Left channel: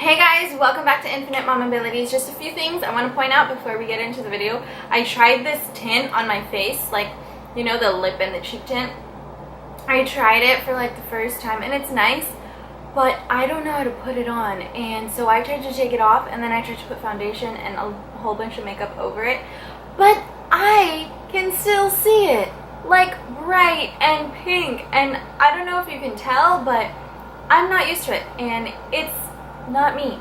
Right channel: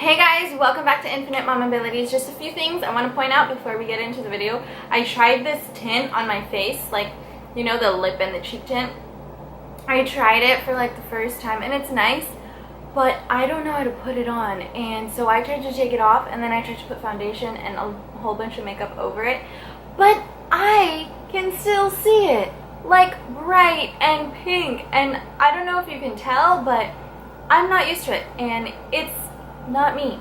Hey guys, welcome back to Infinite Mamabilities. Just a few things I want to point out before we get into the video. I tried this tint on my face, like, you know, the lip and the cheek tint. I tried it for like the first time and it's nice, but I don't know how to put it on. And so I tried to take it off and then I tried to put foundation and a whole bunch of makeup over it. But I can still see it, like bright and pink. And I don't know if you can tell, but I'm not used to it and it's not me.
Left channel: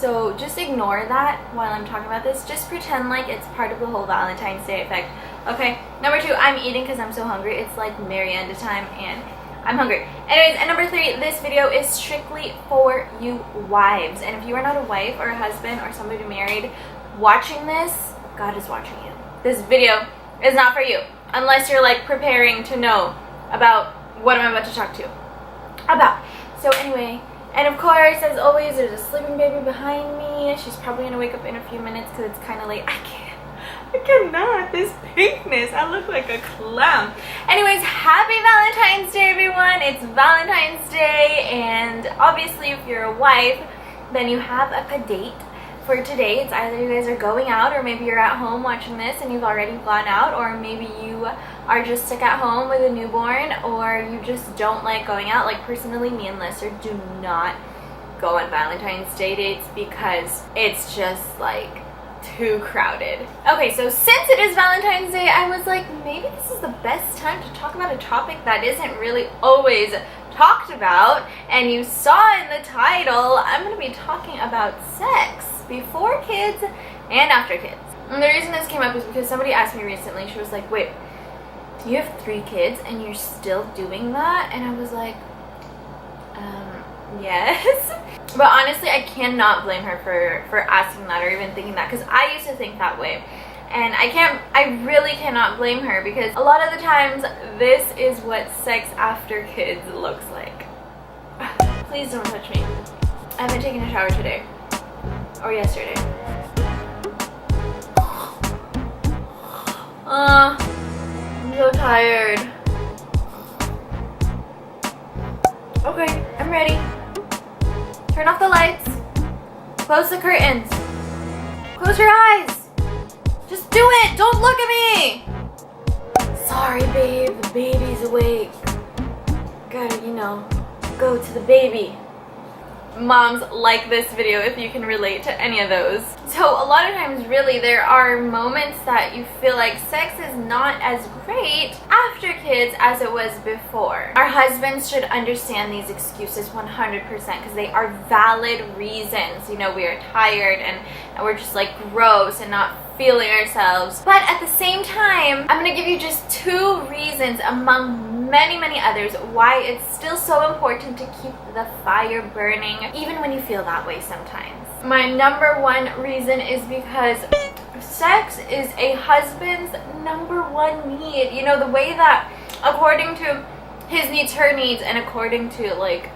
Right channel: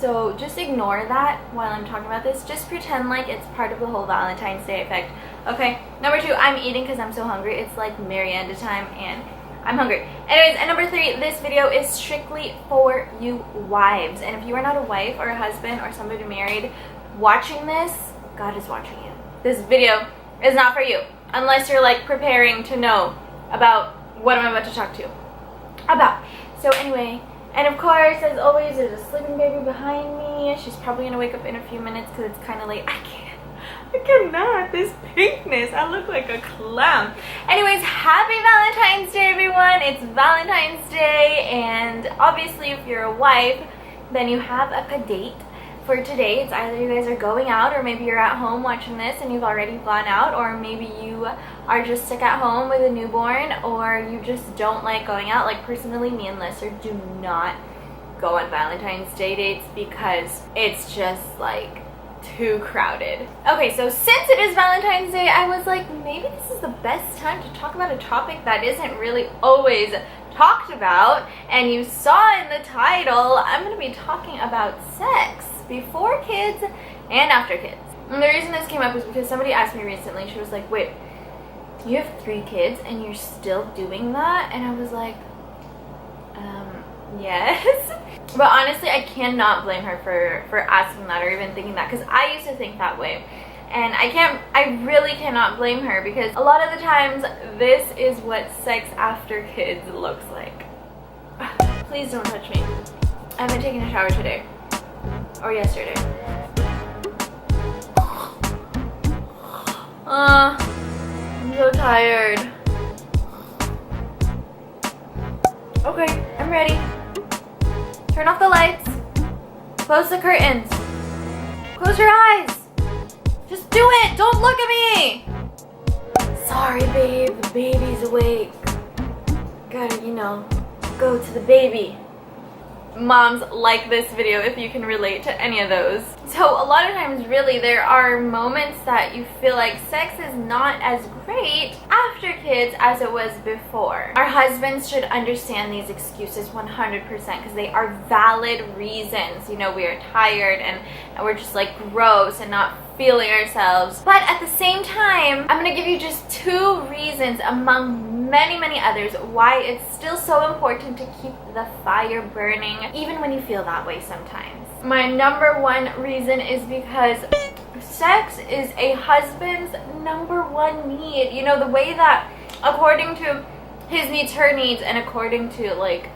So just ignore that while I'm talking about this. Just pretend like it's part of the whole Valentine's Day effect. Okay, number two, I'm eating because I'm so hungry. It's like Marienda time and I'm hungry. Anyways, and number three, this video is strictly for you wives. And if you are not a wife or a husband or somebody married watching this, God is watching you. This video is not for you unless you're like preparing to know about what I'm about to talk to you about. So anyway, and of course, as always, there's a sleeping baby behind me. She's probably gonna wake up in a few minutes because it's kind of late. I cannot. This pinkness. I look like a clown. Anyways, happy Valentine's Day, everyone. It's Valentine's Day, and obviously, if you're a wife, then you have a date for today. It's either you guys are going out, or maybe you're at home watching this and you've already gone out, or maybe you are just stuck at home with a newborn, or you just don't like going out. Like personally, me and Lester do not go on Valentine's Day dates because it's just like too crowded. Okay, so since it is Valentine's Day, I was like, maybe this is the best time to talk about a topic that isn't really always talked about. And you saw in the title, I'm going to be talking about sex before kids and after kids. And the reason this came up is because somebody asked me recently, she was like, wait, you have 3 kids and you're still doing that? And I was like, yes. But honestly, I cannot blame her for asking that or even thinking that, because I used to think that way. And I really cannot blame her, because a lot of the times this is what sex after kids looks like. Please don't touch me. I haven't taken a shower today. Or yesterday. I'm so tired. Okay, I'm ready. Turn off the lights. Close the curtains. Close your eyes. Just do it. Don't look at me. Sorry, babe. The baby's awake. Gotta, you know, go to the baby. Moms, like this video if you can relate to any of those. So a lot of times, really, there are moments that you feel like sex is not as great after kids as it was before. Our husbands should understand these excuses 100% because they are valid reasons. You know, we are tired and we're just like gross and not feeling ourselves. But at the same time, I'm gonna give you just 2 reasons among many others why it's still so important to keep the fire burning even when you feel that way sometimes. My number 1 reason is because sex is a husband's number 1 need. You know, the way that according to his needs, her needs, and according to like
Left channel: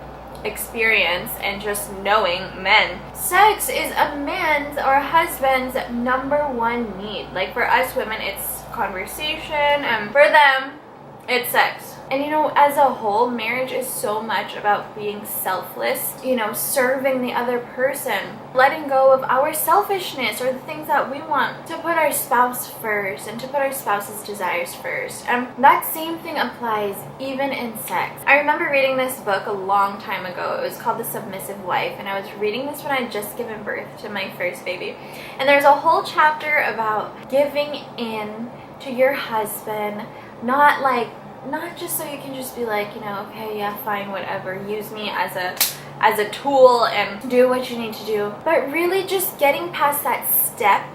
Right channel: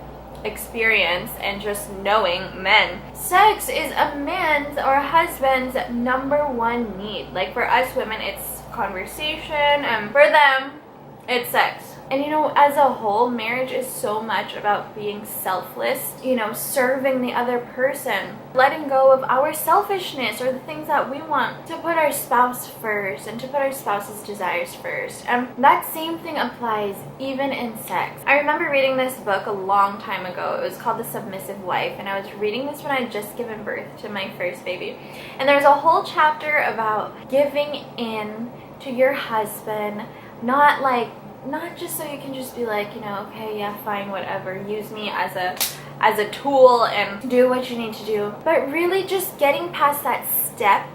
experience and just knowing men, sex is a man's or a husband's number 1 need. Like for us women, it's conversation, and for them, it's sex. And you know, as a whole, marriage is so much about being selfless, you know, serving the other person, letting go of our selfishness or the things that we want, to put our spouse first and to put our spouse's desires first. And that same thing applies even in sex. I remember reading this book a long time ago. It was called The Submissive Wife, and I was reading this when I had just given birth to my first baby. And there's a whole chapter about giving in to your husband, not just so you can just be like, you know, okay, yeah, fine, whatever, use me as a tool and do what you need to do, but really just getting past that step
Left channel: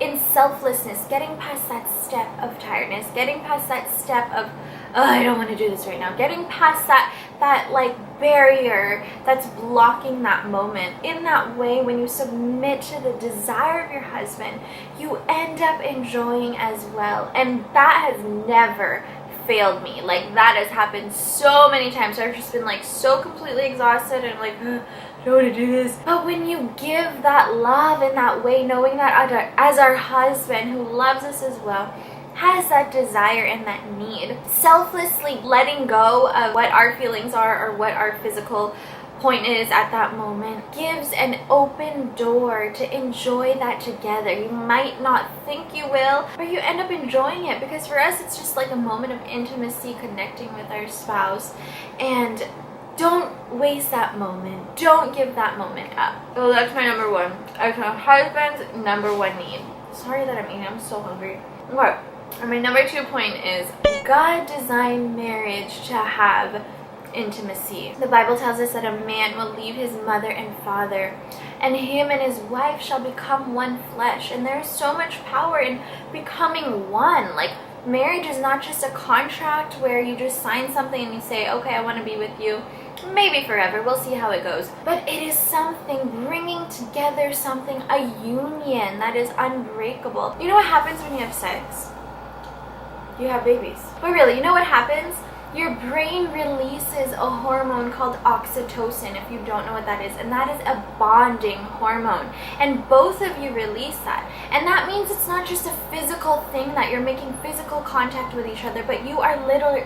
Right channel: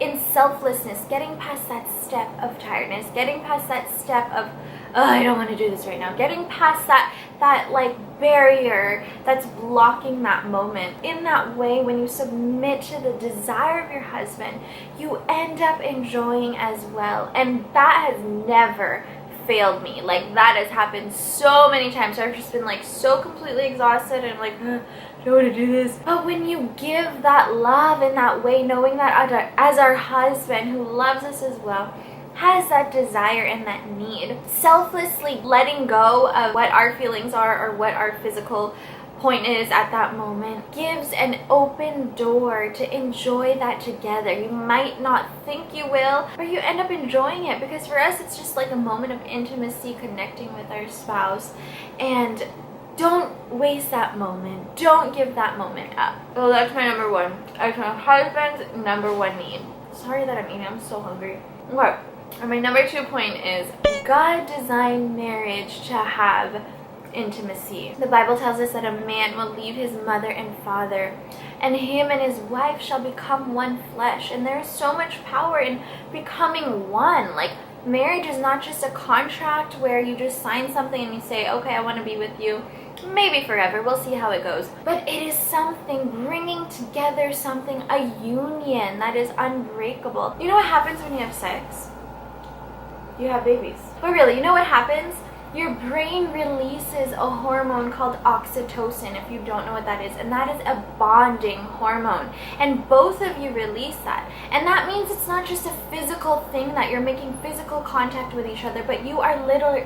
in selflessness, getting past that step of tiredness, getting past that step of, oh, I don't want to do this right now, getting past that like barrier that's blocking that moment. In that way, when you submit to the desire of your husband, you end up enjoying as well. And that has never failed me. Like, that has happened so many times. So I've just been like so completely exhausted and I'm like, I don't want to do this. But when you give that love in that way, knowing that as our husband who loves us as well has that desire and that need, selflessly letting go of what our feelings are or what our physical point is at that moment gives an open door to enjoy that together. You might not think you will, but you end up enjoying it, because for us it's just like a moment of intimacy, connecting with our spouse. And don't waste that moment. Don't give that moment up. So that's my number one. It's my husband's number one need. Sorry that I'm eating, I'm so hungry. Okay, and my number 2 point is God designed marriage to have intimacy. The Bible tells us that a man will leave his mother and father, and him and his wife shall become one flesh. And there's so much power in becoming one. Like, marriage is not just a contract where you just sign something and you say, okay, I want to be with you, maybe forever, we'll see how it goes. But it is something bringing together something, a union that is unbreakable. You know what happens when you have sex? You have babies. But really, you know what happens? Your brain releases a hormone called oxytocin, if you don't know what that is, and that is a bonding hormone. And both of you release that. And that means it's not just a physical thing that you're making physical contact with each other, but you are literally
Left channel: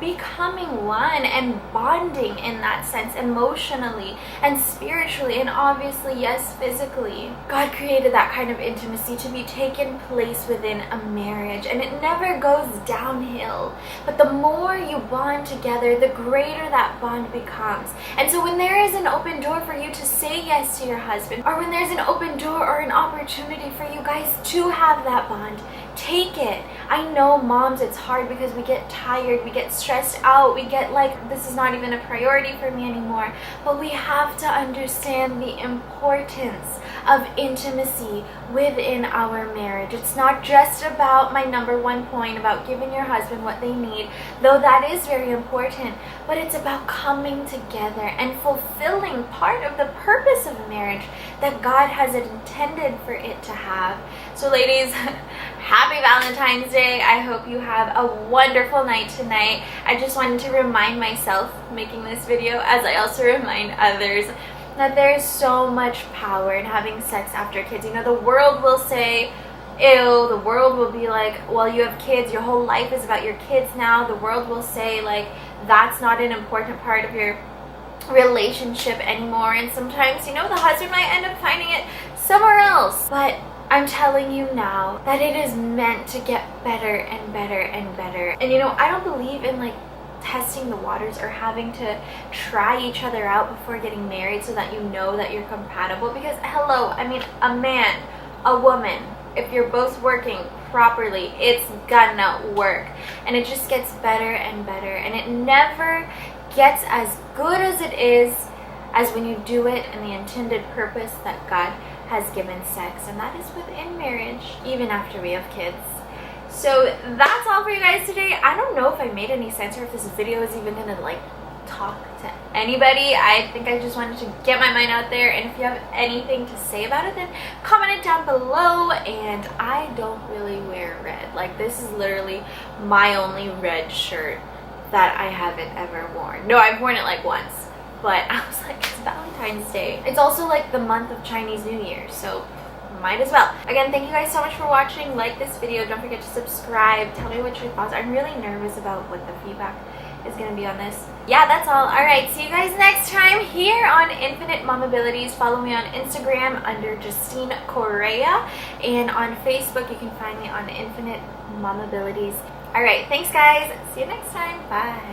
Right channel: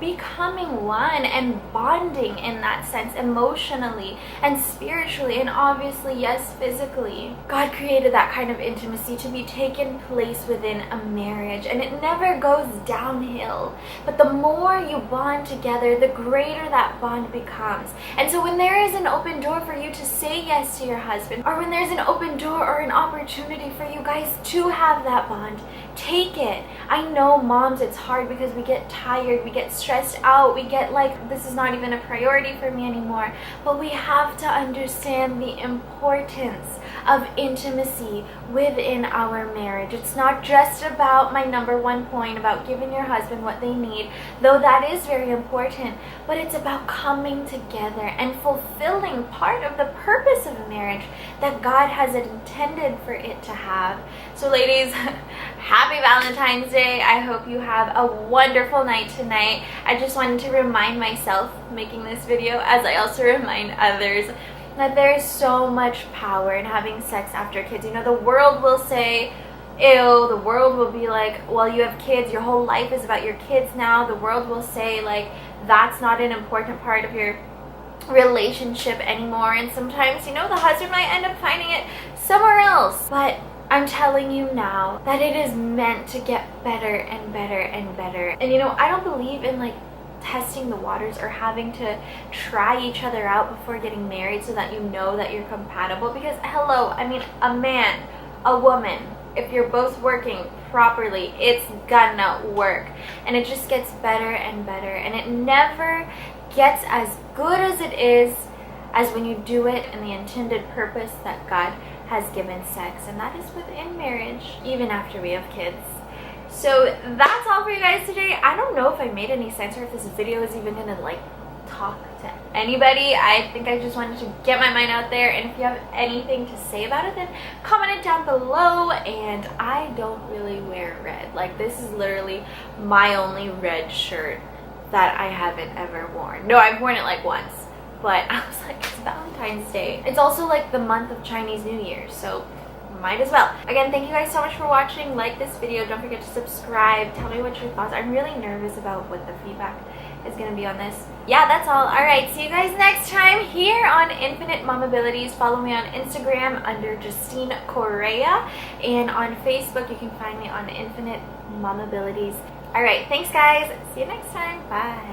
becoming one and bonding in that sense, emotionally and spiritually, and obviously, yes, physically. God created that kind of intimacy to be taken place within a marriage, and it never goes downhill. But the more you bond together, the greater that bond becomes. And so when there is an open door for you to say yes to your husband, or when there's an open door or an opportunity for you guys to have that bond, take it. I know, moms, it's hard because we get tired, we get stressed out, we get like, this is not even a priority for me anymore. But we have to understand the importance of intimacy within our marriage. It's not just about my number 1 point about giving your husband what they need, though that is very important, but it's about coming together and fulfilling part of the purpose of a marriage that God has intended for it to have. So ladies, happy Valentine's Day. I hope you have a wonderful night tonight. I just wanted to remind myself making this video, as I also remind others, that there is so much power in having sex after kids. You know, the world will say, ew, the world will be like, well, you have kids, your whole life is about your kids now. The world will say, like, that's not an important part of your relationship anymore. And sometimes, you know, the husband might end up finding it somewhere else. But I'm telling you now that it is meant to get better and better and better. And you know, I don't believe in like testing the waters or having to try each other out before getting married so that you know that you're compatible. Because hello, I mean, a man, a woman, if you're both working properly, it's gonna work. And it just gets better and better. And it never gets as good as it is as when you do it in the intended purpose that God has given sex, and that is within marriage, even after we have kids. So that's all for you guys today. I don't know if I made any sense or if this video is even gonna like talk to anybody. I think I just wanted to get my mind out there, and if you have anything to say about it, then comment it down below. And I don't really wear red. Like, this is literally my only red shirt that I haven't ever worn. No, I've worn it like once, but I was like, it's Valentine's Day. It's also like the month of Chinese New Year, so might as well. Again, thank you guys so much for watching. Like this video, don't forget to subscribe. Tell me what your thoughts are. I'm really nervous about what the feedback is gonna be on this. Yeah, that's all. All right, see you guys next time here on Infinite Mamabilities. Follow me on Instagram under Justine Correa, and on Facebook you can find me on Infinite Mamabilities. All right, thanks guys. See you next time. Bye.